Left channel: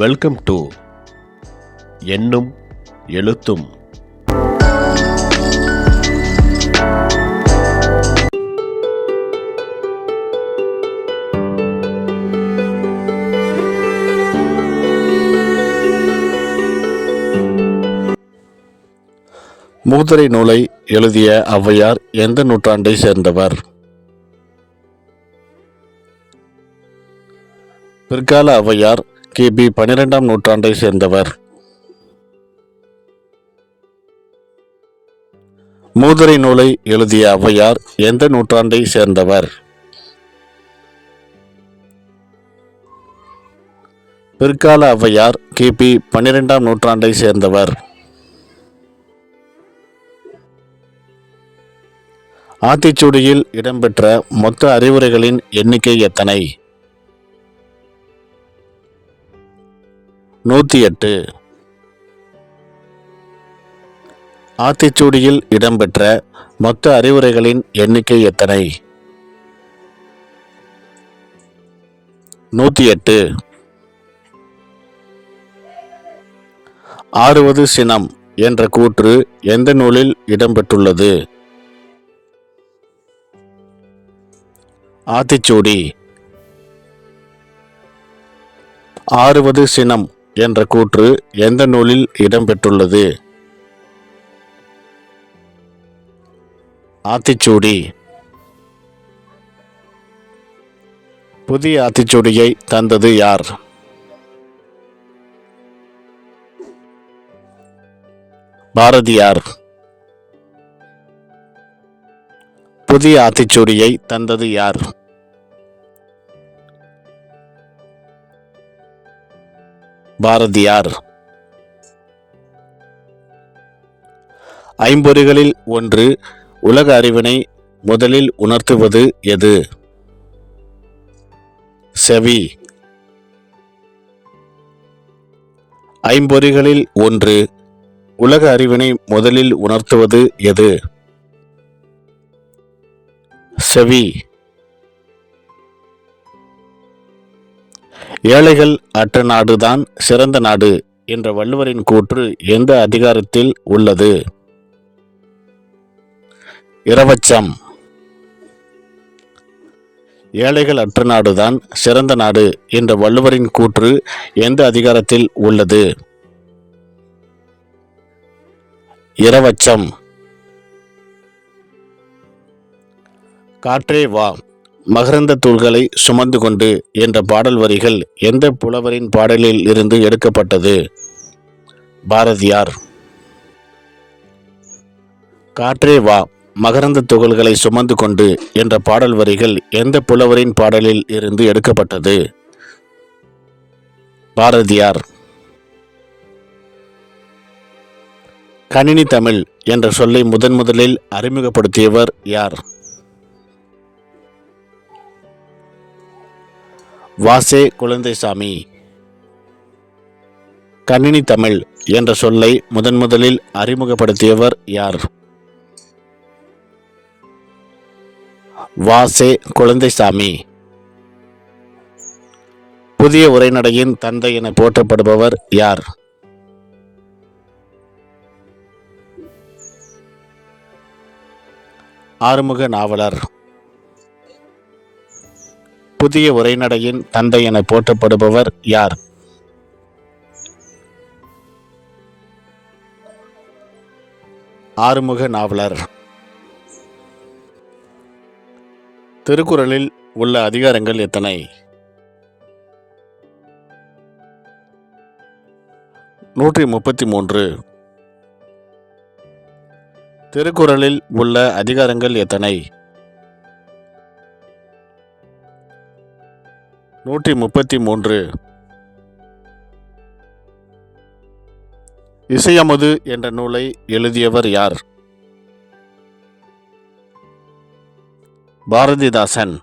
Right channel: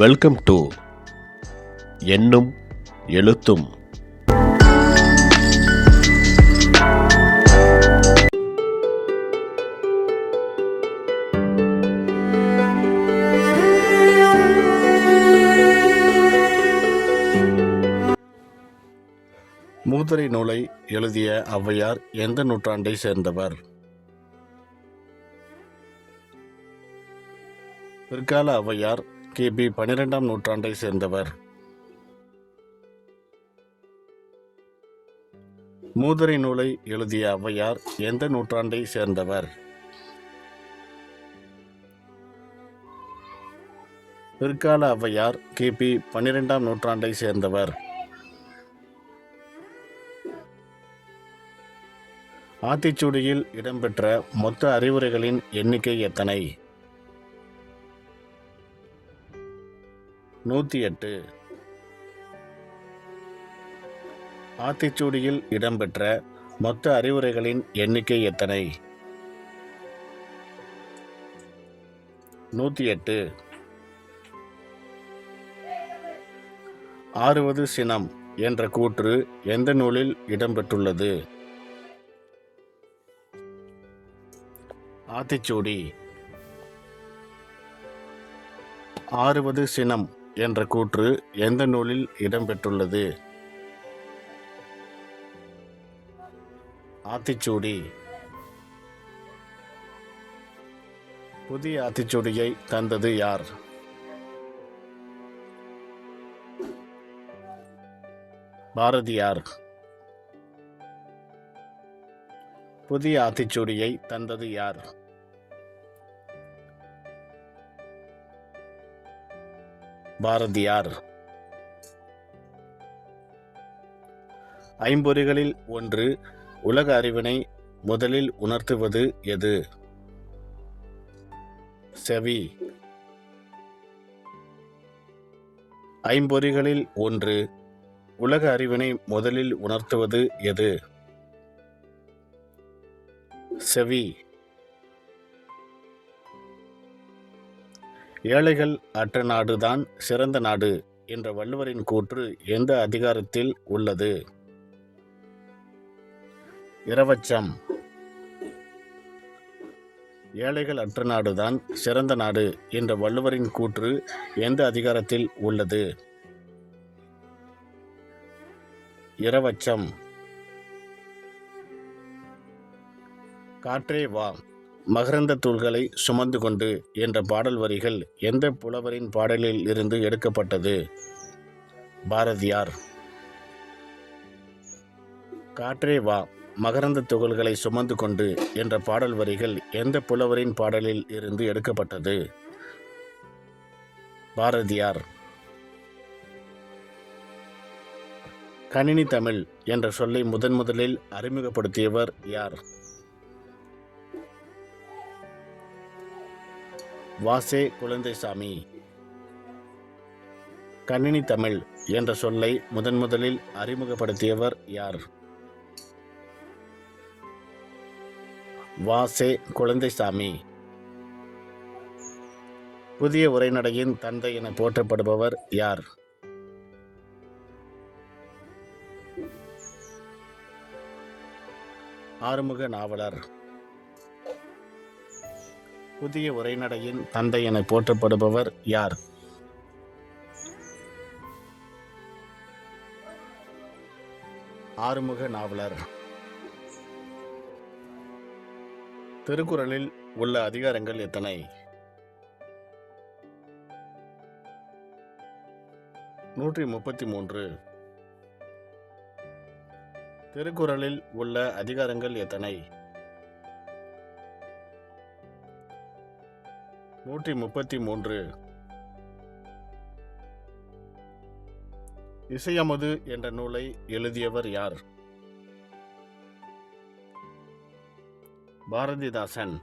Welcome to எண்ணும் எழுத்தும். மூதுரை நூலை எழுதிய ஔவையார் எந்த நூற்றாண்டை சேர்ந்தவர்? பிற்கால ஔவையார் கிபி 12ஆம் நூற்றாண்டை சேர்ந்தவர். மூதுரை நூலை எழுதிய ஔவையார் எந்த நூற்றாண்டை சேர்ந்தவர்? பிற்கால ஔவையார் கிபி 12ஆம் நூற்றாண்டை சேர்ந்தவர். ஆத்திச்சூடியில் இடம்பெற்ற மொத்த அறிவுரைகளின் எண்ணிக்கை எத்தனை? 108. ஆத்திச்சூடியில் இடம்பெற்ற மொத்த அறிவுரைகளின் எண்ணிக்கை எத்தனை? 108. ஆறுவது சினம் என்ற கூற்று எந்த நூலில் இடம்பெற்றுள்ளது? ஆத்திச்சூடி. ஆறுவது சினம் என்ற கூற்று எந்த நூலில் இடம்பெற்றுள்ளது? ஆத்திச்சூடி. புதிய ஆத்திச்சூடியை தந்தது யார்? பாரதியார். புதிய ஆத்திச்சூடியை தந்தது யார்? பாரதியார். ஐம்பொறிகளில் ஒன்று உலக அறிவினை முதலில் உணர்த்துவது எது? செவி. ஐம்பொறிகளில் ஒன்று உலக அறிவினை முதலில் உணர்த்துவது எது? செவி. ஏழைகள் அற்ற நாடுதான் சிறந்த நாடு என்ற வள்ளுவரின் கூற்று எந்த அதிகாரத்தில் உள்ளது? இரவச்சம். ஏழைகள் அற்ற நாடுதான் சிறந்த நாடு என்ற வள்ளுவரின் கூற்று எந்த அதிகாரத்தில் உள்ளது? இரவச்சம். காற்றே வா, மகரந்த தூள்களை சுமந்து கொண்டு என்ற பாடல் வரிகள் எந்த புலவரின் பாடலில் இருந்து எடுக்கப்பட்டது? பாரதியார். காற்றே வா, மகரந்த துகள்களை சுமந்து கொண்டு என்ற பாடல் வரிகள் எந்த புலவரின் பாடலில் இருந்து எடுக்கப்பட்டது? பாரதியார். கணினி தமிழ் என்ற சொல்லை முதலில் அறிமுகப்படுத்தியவர் யார்? வாசே குழந்தைசாமி. கணினி தமிழ் என்ற சொல்லை முதலில் அறிமுகப்படுத்தியவர் யார்? வாசே குழந்தைசாமி. புதிய உரைநடையின் தந்தை என போற்றப்படுபவர் யார்? ஆறுமுக நாவலர். புதிய உரைநடையின் தந்தை என போற்றப்படுபவர் யார்? ஆறுமுக நாவலர். திருக்குறளில் உள்ள அதிகாரங்கள் எத்தனை? 133. திருக்குறளில் உள்ள அதிகாரங்கள் எத்தனை? 133. இசையமுது என்ற நூலை எழுதியவர் யார்? பாரதிதாசன்.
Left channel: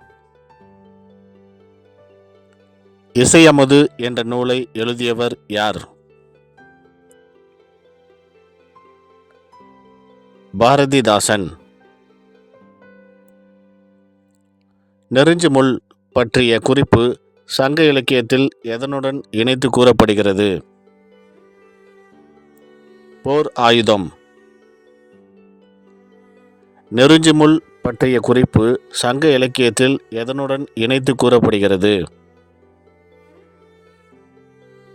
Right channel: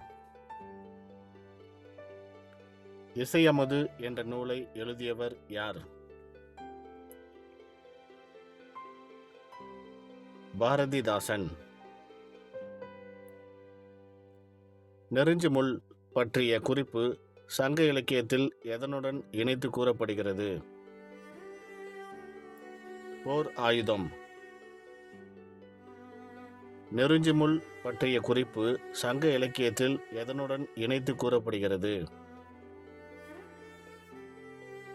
இசையமுது என்ற நூலை எழுதியவர் யார்? பாரதிதாசன். நெருஞ்சி முள் பற்றிய குறிப்பு சங்க இலக்கியத்தில் எதனுடன் இணைத்து கூறப்படுகிறது? போர் ஆயுதம். நெருஞ்சிமுள் பற்றிய குறிப்பு சங்க இலக்கியத்தில் எதனுடன் இணைத்து கூறப்படுகிறது?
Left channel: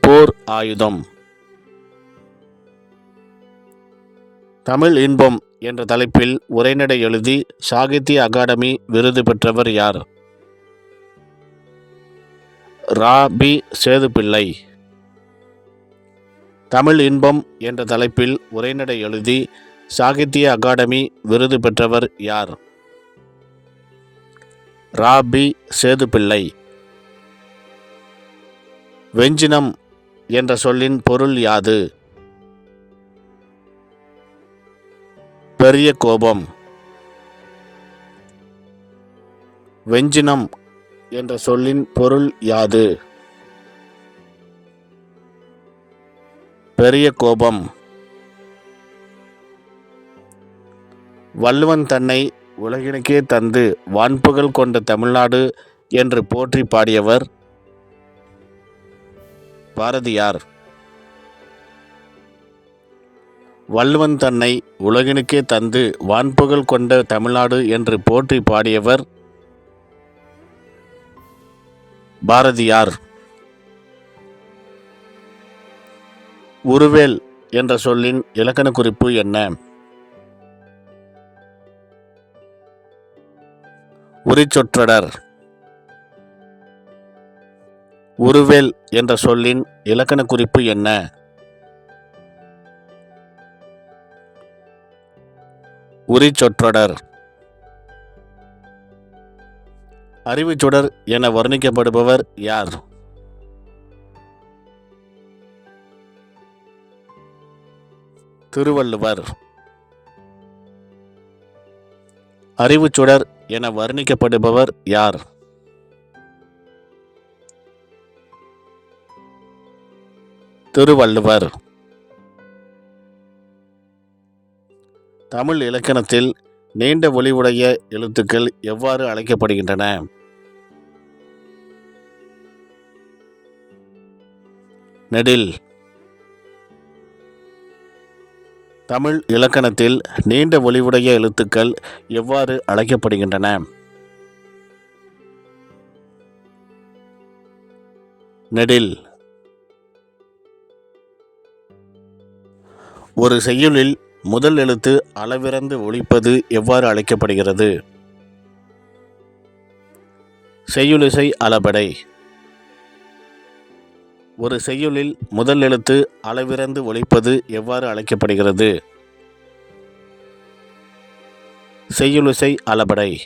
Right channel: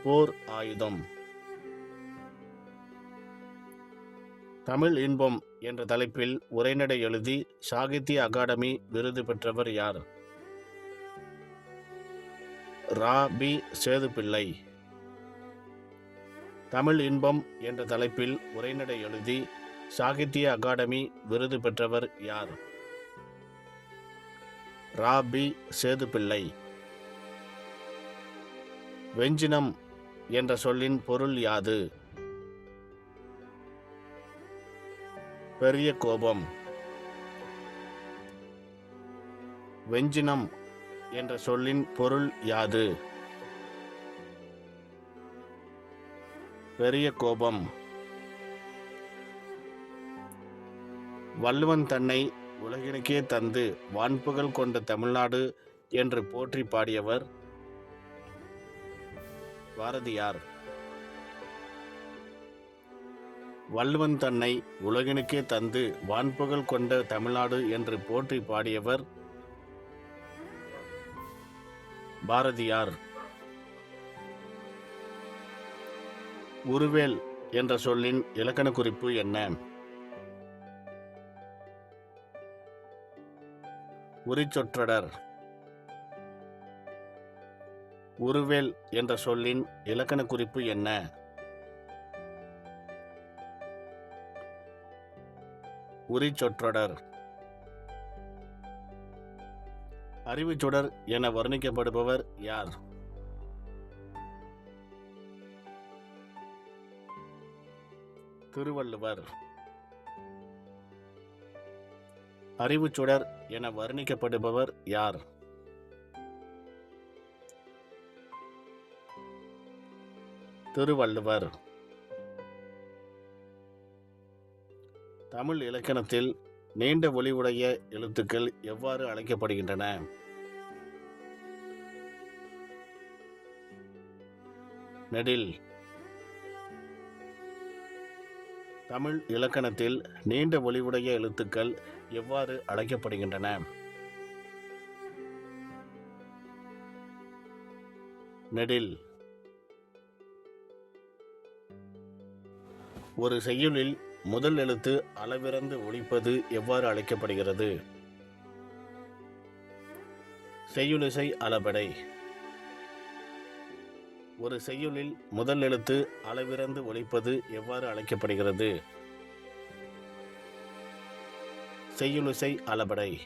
போர் ஆயுதம். தமிழ் இன்பம் என்ற தலைப்பில் உரைநடை எழுதி சாகித்ய அகாடமி விருது பெற்றவர் யார்? ரா.பி. சேதுப்பிள்ளை. தமிழ் இன்பம் என்ற தலைப்பில் உரைநடை எழுதி சாகித்ய அகாடமி விருது பெற்றவர் யார்? ரா.பி. சேதுப்பிள்ளை. வெஞ்சினம் என்ற சொல்லின் பொருள் யாது? பெரிய கோபம். வெஞ்சினம் என்ற சொல்லின் பொருள் யாது? பெரிய கோபம். வள்ளுவன் தன்னை உலகினுக்கே தந்து வான்புகழ் கொண்ட தமிழ்நாடு என்று போற்றி பாடியவர் பாரதியார். வள்ளுவன் தன்னை உலகினுக்கே தந்து வான்புகழ் கொண்ட தமிழ்நாடு என்று போற்றி பாடியவர் பாரதியார். உருவேல் என்ற சொல்லின் இலக்கண குறிப்பு என்ன? உரிச்சொற்றொடர். உருவேல் என்ற சொல்லின் இலக்கண குறிப்பு என்ன? உரிச்சொற்றொடர். அறிவுச்சுடர் என வர்ணிக்கப்படுபவர் யார்? திருவள்ளுவர். அறிவுச்சுடர் என வர்ணிக்கப்படுபவர் யார்? திருவள்ளுவர். தமிழ் இலக்கணத்தில் நீண்ட ஒலியுடைய எழுத்துக்கள் எவ்வாறு அழைக்கப்படுகின்றன? நெடில். தமிழ் இலக்கணத்தில் நீண்ட ஒலியுடைய எழுத்துக்கள் எவ்வாறு அழைக்கப்படுகின்றன? நெடில். ஒரு செய்யுளில் முதல் எழுத்து அளவிறந்து ஒலிப்பது எவ்வாறு அழைக்கப்படுகிறது? செய்யுளிசை அளபெடை. ஒரு செய்யுளில் முதல் எழுத்து அளவிறந்து ஒலிப்பது எவ்வாறு அழைக்கப்படுகிறது? செய்யுளிசை அளபெடை.